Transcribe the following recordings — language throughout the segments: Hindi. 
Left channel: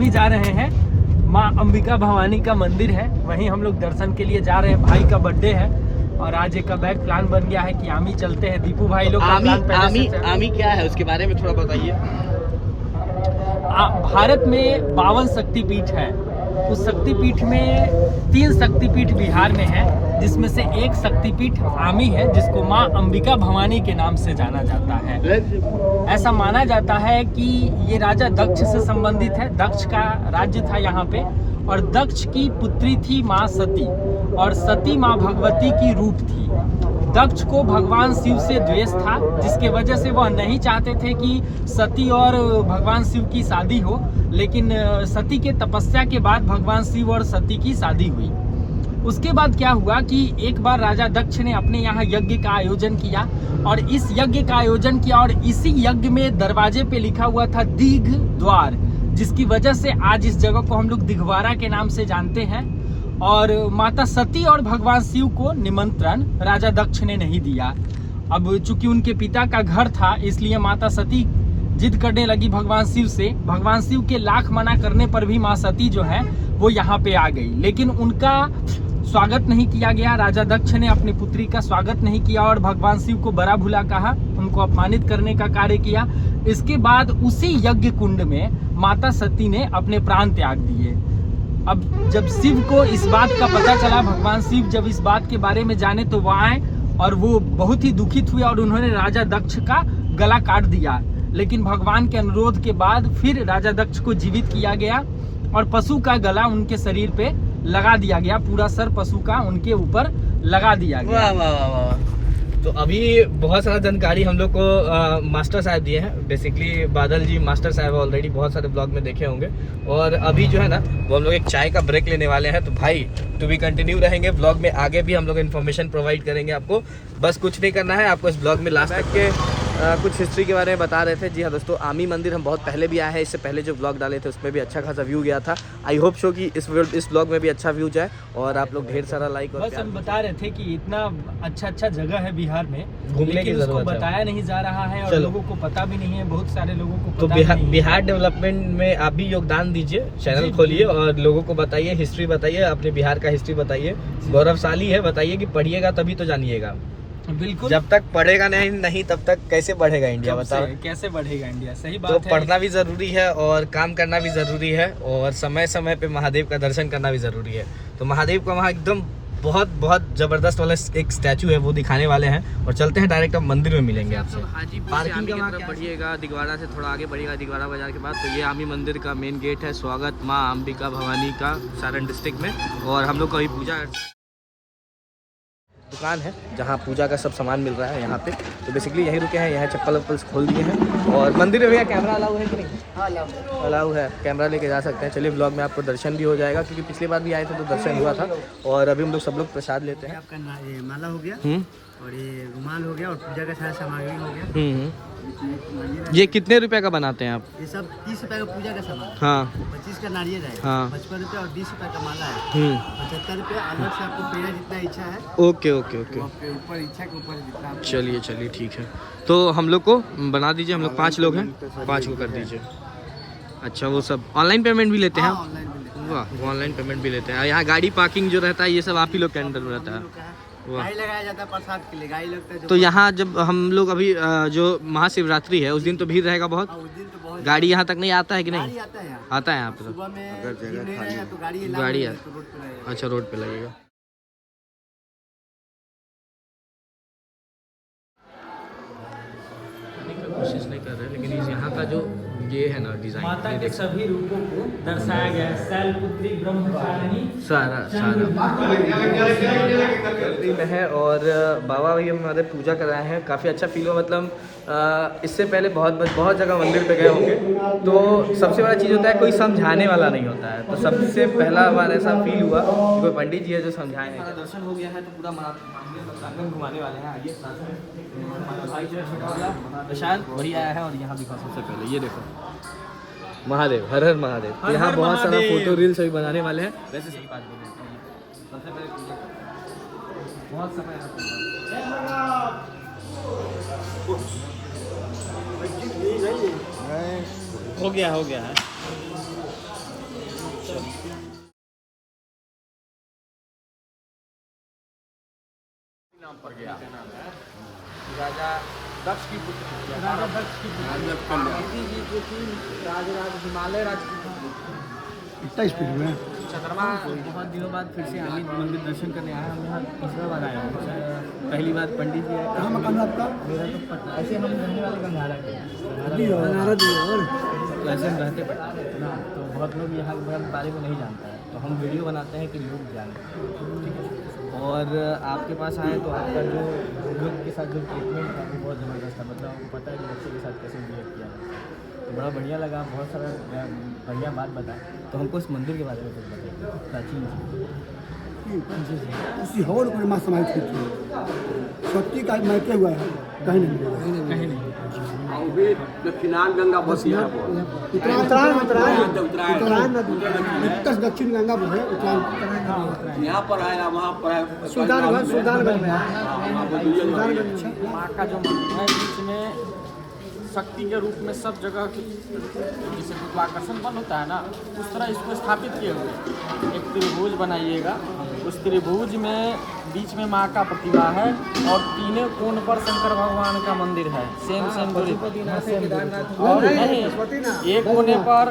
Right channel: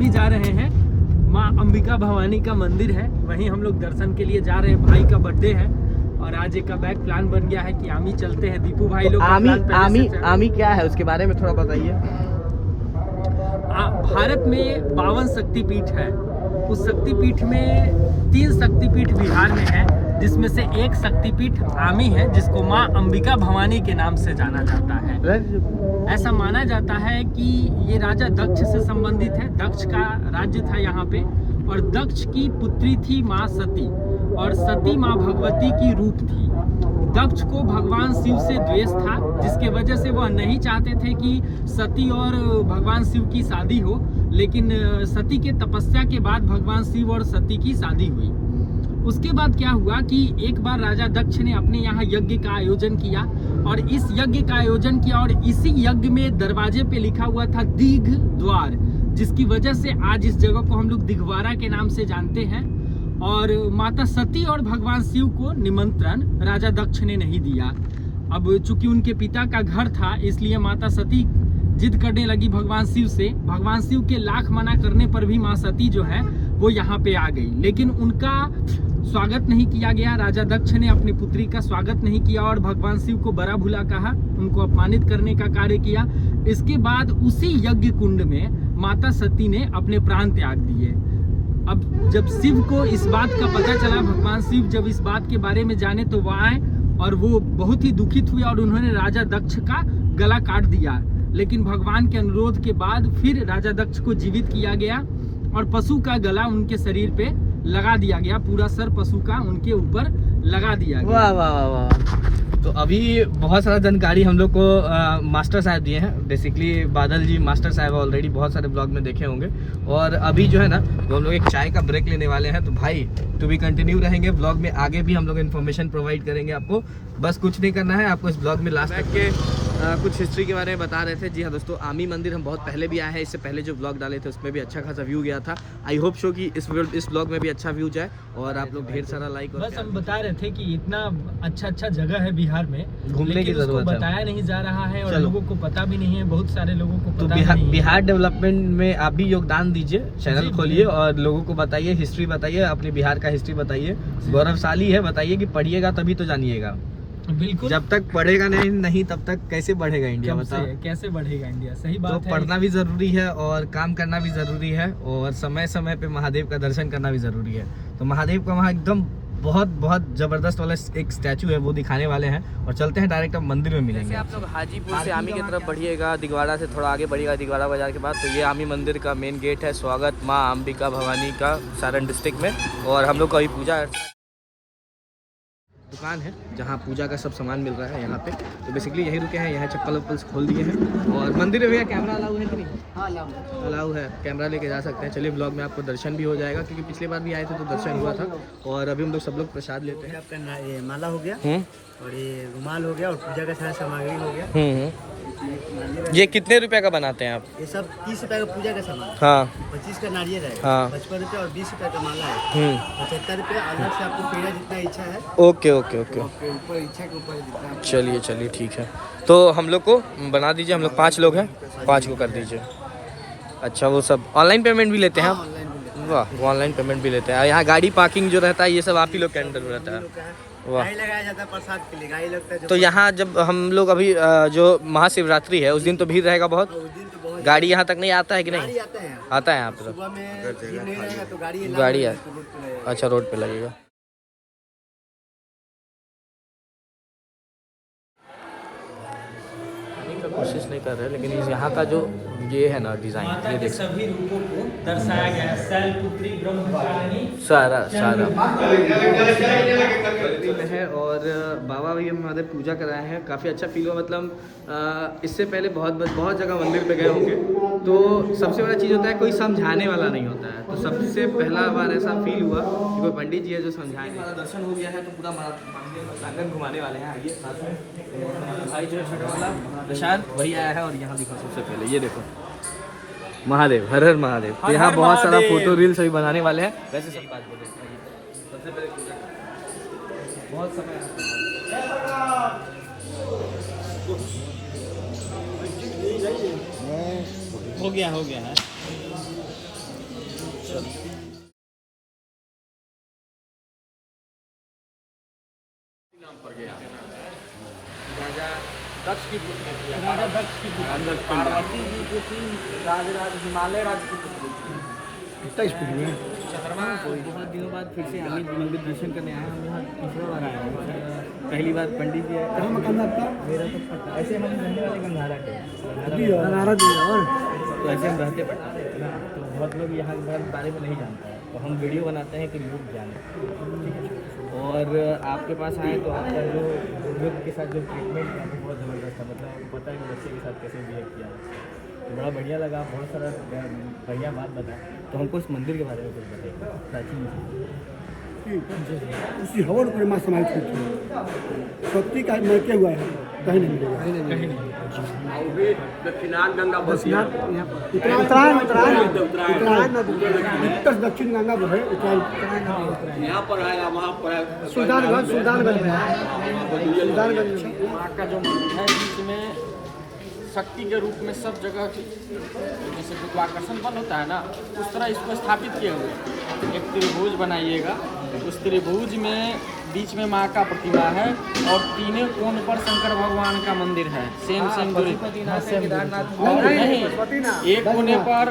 हम ही जा रहे हैं, माँ अंबिका भवानी का मंदिर है, वहीं हम लोग दर्शन के लिए जा रहे हैं। भाई का बर्थडे है और आज एक का बैक प्लान बन गया है कि आमी चलते हैं। दीपू भाई लोग का प्लान पहले से आमी क्या है उसके बारे में थोड़ा बताइए। भारत में 52 शक्तिपीठ है। उस शक्तिपीठ में 3 शक्तिपीठ बिहार में है, जिसमें से एक शक्तिपीठ आमी है, जिसको माँ अंबिका भवानी के नाम से जाना जाता है। ऐसा माना जाता है कि ये राजा दक्ष से संबंधित है। दक्ष का राज्य था यहाँ पे, और दक्ष की पुत्री थी माँ सती, और सती माँ भगवती की रूप थी। दक्ष को भगवान शिव से द्वेष था, जिसके वजह से वह नहीं चाहते थे कि सती और भगवान शिव की शादी हो, लेकिन सती के तपस्या के बाद भगवान शिव और सती की शादी हुई। उसके बाद क्या हुआ कि एक बार राजा दक्ष ने अपने यहाँ यज्ञ का आयोजन किया, और इस यज्ञ का आयोजन किया, और इसी यज्ञ में दरवाजे पे लिखा हुआ था दीघ द्वार, जिसकी वजह से आज इस जगह को हम लोग दिघवारा के नाम से जानते हैं। और माता सती और भगवान शिव को निमंत्रण राजा दक्ष ने नहीं दिया। अब चूंकि उनके पिता का घर था, इसलिए माता सती जिद करने लगी भगवान शिव से। भगवान शिव के लाख मना करने पर भी माँ सती जो है वो यहाँ पे आ गई, लेकिन उनका स्वागत नहीं किया गया। राजा दक्ष ने अपनी पुत्री का स्वागत नहीं किया और भगवान शिव को बड़ा भूला कहा, उनको अपमानित करने का कार्य किया। इसके बाद उसी यज्ञ कुंड में माता सती ने अपने प्राण त्याग दिए। अब जब शिव को इस बात का पता चला, भगवान शिव जब इस बात के बारे में जाने, तो वो आए और वो बहुत ही दुखित हुए और उन्होंने राजा दक्ष का गला काट दिया। लेकिन भगवान के अनुरोध के बाद फिर राजा दक्ष को जीवित किया गया और पशु का गला उनके शरीर पे लगा दिया गया, पूरा सर पशु का उनके ऊपर लगा दिया गया। वाह वाह वाह वाह। तो अभी बहुत सारा जानकारी हम लोग को मास्टर साहब दिए हैं। बेसिकली बादल जी मास्टर साहब ऑलरेडी बहुत सारे ब्लॉग में देखे होंगे, और अभी जो है ना वो हम लोग एक चाय का ब्रेक लेने वाले हैं। तो भाई टू बी कंटिन्यू रहेंगे ब्लॉग में, आगे भी हम लोग इन्फॉर्मेशन प्रोवाइड करेंगे आपको। बस कुछ नहीं करना है आपको इस ब्लॉग में लास्ट तक के कुछ हिस्ट्री के बारे में बता रहे थे। जी हाँ दोस्तों, आमी मंदिर हम बहुत पहले भी आए हैं, इससे पहले जो ब्लॉग डाले थे उसमें भी अच्छा खासा व्यू गया था। आई होप शो कि इस ब्लॉग में भी अच्छा व्यू जाए और आप लोग ढेर सारा लाइक और बस हम बता रहे थे कि इतना अच्छा जगह है बिहार में, घूमने की जरूरत है, बताया नहीं जा रहा है और लोगों को पता भी नहीं है, बहुत सारे लोगों को तो पता नहीं है। बिहार डेवलपमेंट में आप भी योगदान दीजिए, चैनल खोलिए और लोगों को बताइए, हिस्ट्री बताइए, अपने बिहार का हिस्ट्री बताइए। गौरवशाली है, बताइए कि पढ़िएगा तभी तो जानिएगा। बिल्कुल, जब तक पढ़ेगा नहीं तब तक कैसे बढ़ेगा इंडिया, बताओ कैसे बढ़ेगा इंडिया। सही बात तो है। पढ़ना भी जरूरी है और काम करना भी जरूरी है, और समय समय पे महादेव का दर्शन करना भी जरूरी है। तो महादेव का वहाँ एकदम बहुत जबरदस्त वाला एक स्टैचू है, वो दिखाने वाले हैं, और चलते हैं डायरेक्ट अब मंदिर में मिलेंगे। आप लोग हाजीपुर से आमी की तरफ बढ़िएगा, दिघवाड़ा से थोड़ा आगे बढ़िएगा, दिघवाड़ा बाजार के बाद तो ये आमी मंदिर का मेन गेट है। स्वागत माँ अंबिका भवानी का सारण डिस्ट्रिक्ट में। और हम लोग का अभी पूजा दुकान है जहाँ पूजा का सब सामान मिल रहा है यहाँ पे। तो बेसिकली यहीं रुके हैं, यहाँ चप्पल वप्पल खोल दिए हैं। और मंदिर में भैया कैमरा अलाउ है कि नहीं? हाँ अलाउ है, कैमरा लेके जा सकते हैं। चलिए ब्लॉग में आपको दर्शन भी हो जाएगा, क्योंकि पिछली बार भी आए थे तो दर्शन हुआ था। और अभी हम लोग सब लोग प्रसाद लेते हैं। आपका ये माला हो गया और ये रुमाल हो गया और पूजा का सारा सामग्री हो गया। ये कितने रुपए का बनाते हैं आप? ये सब 30 रुपए का पूजा का सामान है। हाँ 25 का नारियल है। हाँ 55 रुपये और 20 रुपए का माला है। 75 रुपये अलग से आपको पेड़ा जितना इच्छा है। ओके ओके ओके, आपके ऊपर इच्छा के ऊपर जितना। चलिए ठीक है। तो हम लोग को बना दीजिए, हम लोग 5 लोग हैं, 5 को कर दीजिए। अच्छा, वो सब ऑनलाइन पेमेंट भी लेते हैं आप? वाह, वो ऑनलाइन पेमेंट भी लेते हैं। यहाँ गाड़ी पार्किंग जो रहता है ये सब आप ही लोग के अंडर में रहता है? वाह। लगाया जाता है प्रसाद के लिए, गाड़ी लगता है। तो यहाँ जब हम लोग अभी जो महाशिवरात्रि है उस दिन तो भीड़ रहेगा बहुत? उस दिन तो बहुत गाड़ी यहाँ तक नहीं आता है कि नहीं? आता है। आता है यहाँ पे? सुबह में नहीं लगेगा तो गाड़ी है, अच्छा रोड पे लगेगा। कोशिश नहीं कर रहे, लेकिन इस यहाँ का जो ये है ना डिजाइन, ये देख सभी रूपों को दर्शाया गया है। शैलपुत्री, ब्रह्मचारिणी, सारा में है। और बाबा भी हमारे पूजा कराए हैं, काफ़ी अच्छा फील हुआ। मतलब इससे पहले बहुत जगह मंदिर पे गए होंगे, तो सबसे बड़ा चीज़ होता है कोई समझाने वाला नहीं होता है। तो सबसे पहला बार ऐसा फील हुआ कि कोई पंडित जी है जो समझाए नहीं। दर्शन हो गया है तो पूरा प्रांगण घुमाने वाले हैं। आइए, भाई जो है प्रसाद वही आया है। और यहाँ दिखा सबसे पहले, ये देखो महादेव, हर हर महादेव। तो यहाँ बहुत सारा फोटो रील्स अभी बनाने वाले हैं। वैसे सब बात बोले, सबसे पहले पूजा बहुत समय हो गया है। दक्ष की पुत्री राजा दक्ष की पुत्री पार्वती जी की थी राजा हिमालय इतना स्पीड में चंद्रमा बहुत दिनों बाद फिर से हम मंदिर दर्शन करने आए हैं। हम यहाँ तीसरा बार आए हैं। पहली बार पंडित जी कहाँ मकान है आपका? मेरा तो पटना, ऐसे हम रहने वाले गंगारा के नारा दिया और तो ऐसे हम रहते पटना है ना, तो बहुत लोग यहाँ के बारे में नहीं जानता है, तो हम वीडियो बनाते हैं कि लोग जाने। और आपके पास आए तो आपका जो बुजुर्ग के साथ जो ट्रीटमेंट था वो बहुत ज़बरदस्त था, मतलब आपको पता है कि बच्चे के साथ कैसे बिहेव किया जाता है, तो बड़ा बढ़िया लगा। बहुत सारा बढ़िया बात बताया। तो हमको इस मंदिर के बारे में कुछ बताइए प्राचीन। उसी हवन पर माँ समाहित हुई थी। शक्ति का महत्व हुआ है, कहीं नहीं मिलेगा। फिनाल गंगा बसी है, उत्तर दक्षिण गंगा जो है उत्तरायण यहाँ पर है, वहाँ पर है। सुल्तानगंज में है। सुल्तानगंज में माँ का जो मंदिर है बीच में शक्ति के रूप में सब जगह जैसे गुरुत्वाकर्षण बल होता है ना, उस तरह इसको स्थापित किए हुए हैं। एक त्रिभुज बनाइएगा, उस त्रिभुज में बीच में माँ का प्रतिमा है और तीनों कोण पर शंकर भगवान का मंदिर है, सेम दूरी पर। और नहीं, एक कोने पर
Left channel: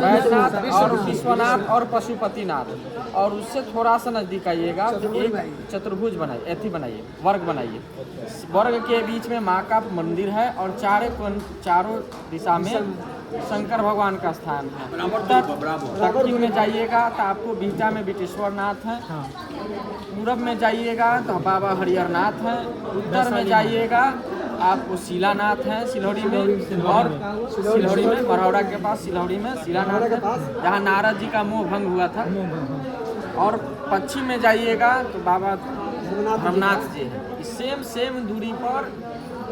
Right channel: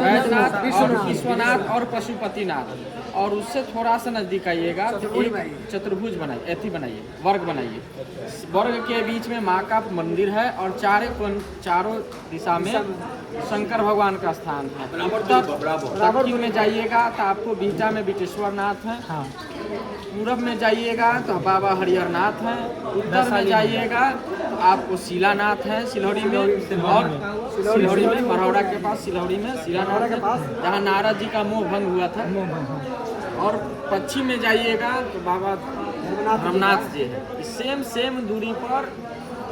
वैद्यनाथ और विश्वनाथ और पशुपतिनाथ, और उससे थोड़ा सा नजदीक आइएगा तो एक चतुर्भुज बनाइए, वर्ग बनाइए। वर्ग के बीच में माँ का मंदिर है और चारों दिशा में शंकर भगवान का स्थान है। दक्षिण में जाइएगा तो आपको बीटा में बिटेश्वर नाथ है, पूरब में जाइएगा तो बाबा हरिहरनाथ हैं, उत्तर में जाइएगा आपको शिलानाथ है सिलौड़ी में, और सिलौड़ी में मरौड़ा के पास सिलौड़ी में शिलानाथ है जहाँ नारद जी का मोह भंग हुआ था। और पश्चिम में जाइएगा तो बाबा धर्मनाथ जी है। सेम दूरी पर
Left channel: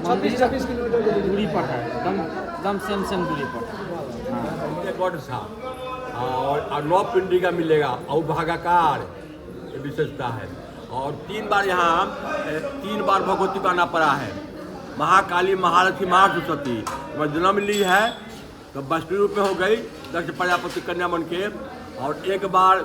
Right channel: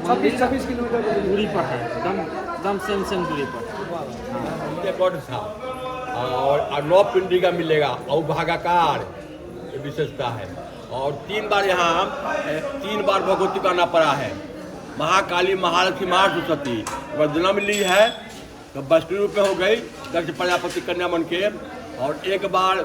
मंदिर दूरी पर है, एकदम सेम दूरी पर। गॉड था और 9 पिंडी का मिलेगा और भागाकार ये विशेषता है। और 3 बार यहाँ 3 बार भगवती का नाम पड़ा है। महाकाली, महालक्ष्मी, महासरस्वती जन्म ली है तो वैष्णव रूप में हो गई दक्ष प्रजापति कन्या मन के। और एक बार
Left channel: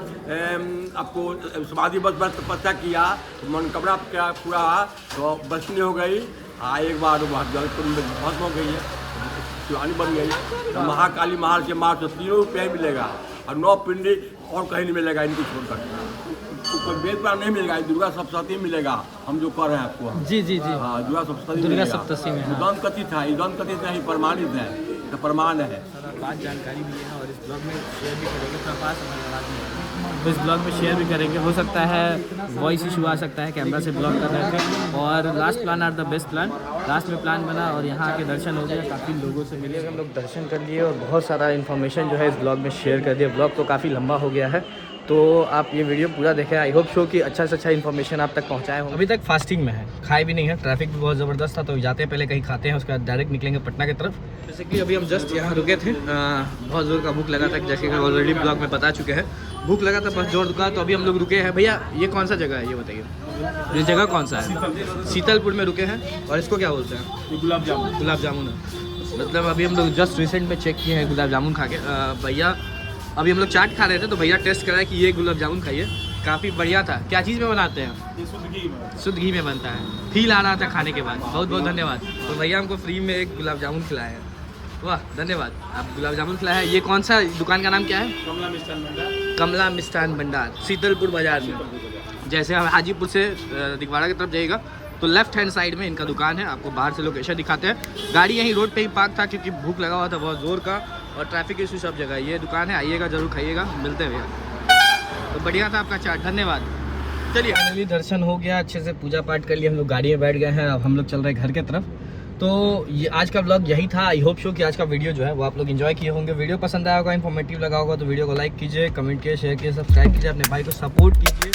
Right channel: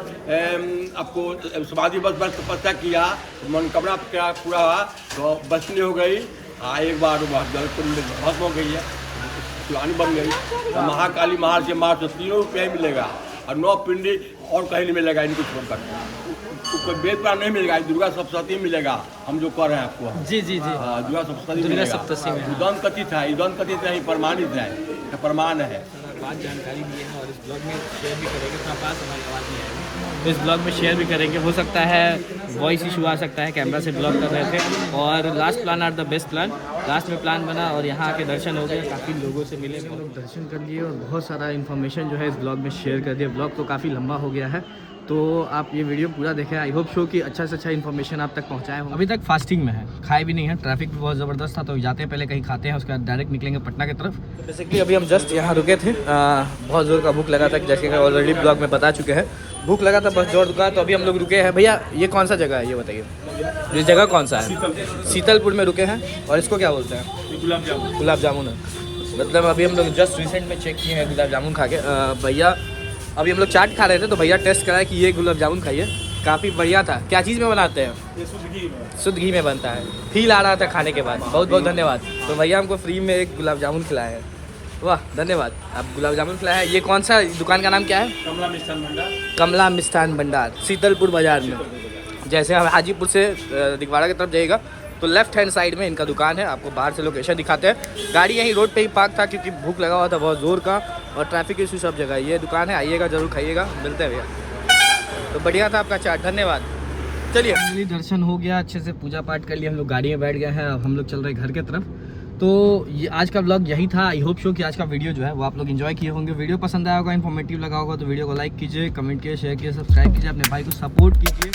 आपको समाधि बस तपस्या किया तो मनोकामना पूरा हुआ तो वैष्णव हो गई। एक बार जल कुंड में भस्म हो गई है, शिवानी बन गई। तो महाकाली, महालक्ष्मी, महासरस्वती तीनों रुपये ही मिलेगा और 9 पिंडी और कहीं नहीं मिलेगा इनको छोड़कर। कोई वेद पुराण नहीं मिलेगा, दुर्गा सप्तशती मिलेगा। हम जो कर रहे हैं आपको जी हाँ, दुर्गा सप्तशती मिलेगा। उदम कथित है, उदम कथित है, प्रमाणित है, तो प्रमाण है। बात जानकारी दी है और इस ब्लॉग में शेयर भी करेंगे। थोड़ा पास हमारी आवाज़ नहीं आएगी तो इस ब्लॉग में शेयर भी करेंगे। हो सकता है वॉइस इशू आ सकता है, कैमरा से ब्लॉग कर रहे थे। और last plan are the best plan, last में प्लान बना और यहाँ आके दर्शन हो गया, काफ़ी लोगों से मिले, हम लोग दर्शन कर लिए और बहुत सारा इन्फॉर्मेशन जो है इस ब्लॉग में शेयर कर दिया। ब्लॉग तो काफ़ी लंबा हो गया है, तो आप ये वीडियो पूरा देखें। आई होप सो कि अच्छा से अच्छा इन्फॉर्मेशन आप तक पहुँचाए हो। अभी तक फास्टिंग में है, खाए भी नहीं है, ट्रैफिक भी बहुत ज़बरदस्त था, तो जाते हैं पहले कहीं खाते हैं, उसके बाद डायरेक्ट निकलेंगे पटना की तरफ। बेसिकली अभी हम जस्ट यहाँ रुके थे, बहुत ज़ोर का भूख लगा था, जैसे कि ऑलरेडी ब्लॉग में बता चुके हैं। भूख लगा था, बस जोर दुका, तो अभी हम लोग रुके हैं। भैया ये कौन सा जगह है ये बताइए, ये जगह कौन सा है? शीतलपुर में रुके हैं। और इसको क्या बोलते हैं? गुलाब जामुन है। मतलब अभी हम लोग जस्ट रिसेंट में चेक किए हैं गुलाब जामुन खा के। भैया अभी हम लोग चाट खा रहे थे तो भैया टेस्ट कराया कि ये गुलाब जामुन खाइए, काफ़ी बढ़िया था। क्या चीज़ में बनाते हैं? शुद्ध घी में बनता है। फील आ रहा था खाने के बाद। बहुत बहुत धन्यवाद। तो भैया हमको फ्री में एक गुलाब जामुन खिलाए हैं, वाह धन्यवाद। आप गुलाब जामुन खिलाया है। ये कौन सा दुकान का नाम क्या है? कमला मिष्ठान भंडार, शीतलपुर बाजार में। जैसे हम हाजीपुर से दिगवाड़ा की तरफ जाइएगा तो लेफ्ट हैंड साइड में इनका दुकान है। आपको बाहर से लोकेशन दिखाते हैं। गाड़ी यहीं रोड पे ही पार्क था क्योंकि भूख लगा हुआ था बहुत ज़ोर का और ट्रैफिक इशू सब जगह। ये दुकान है, आइएगा ज़रूर, खाइएगा। मिलते हैं भैया। तो बढ़िया था आपका चाट, धन्यवाद। चलिए फाइनली दर्शन हो गया, अच्छे से पूजा पाठ कर लिया, हम लोग गाड़ी में बैठ गए हैं। अब हम लोग चल रहे हैं घर की तरफ। तो ये आज का व्लॉग यही था। आई होप सो कि आज का वीडियो जो है वो आप लोग एंजॉय किए होंगे। वीडियो पसंद आया होगा, इन्फॉर्मेटिव लगा होगा तो वीडियो को लाइक कीजिए, कमेंट कीजिए, शेयर कीजिए, सब्सक्राइब कीजिए, अपने भाई को सपोर्ट कीजिए।